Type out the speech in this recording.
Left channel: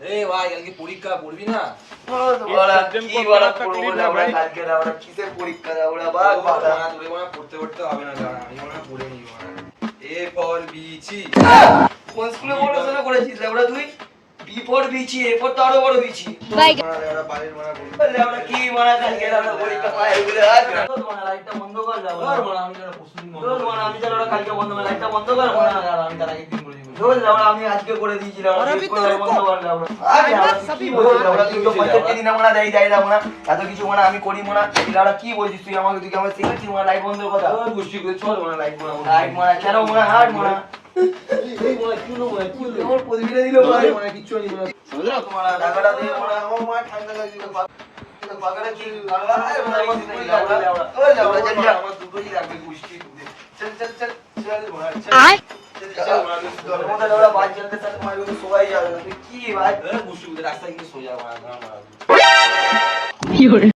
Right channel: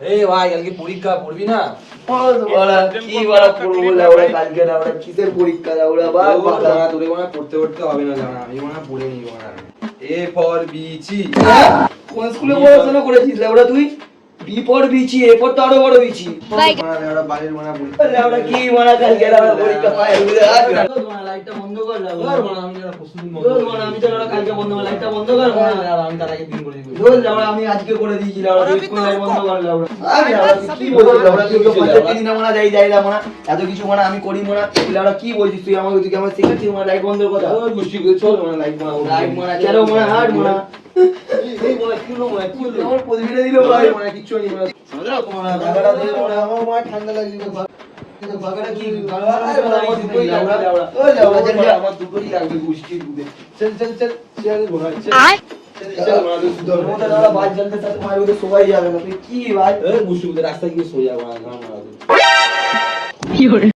এই ভাই কালকে পরীক্ষা পড়বি না? কিসের পরীক্ষা পড়তে পড়তে হবে না জানা, আমি মনে পড়ে নি এ ফর বিচি। কোন স্কুলে পড়াশোনা করেছিস ওরা তুই? বি ফর বিচি, এ ফর তো আরো বড় বিচি। বাড়ির মনে পড়ি ওরা কি মানা কালকে আমরা পরীক্ষা পাই লাইটটা বন্ধ কর আমি তো কালকে বন্ধ কর লাইটটা বন্ধ কর আমি তার একদিন বলি আমি আজকে করে দিয়েছিলাম এত কিছু মানে আমি করি মনে ওরা কি বলছিস তুই আমাকে তুই আমার শিখেছিস মানে লাইট বন্ধ কথা গোষ্ঠী করে চল মনে লাইট লাইট মারা কেন মনে হাট মনে ঠান্ডা লাগছিল আমার দুটোই লাগবে গোষ্ঠী দুধে চল চল চল সবাই যাবে না তুই কি ভাই রাস্তায় গিয়ে সোজা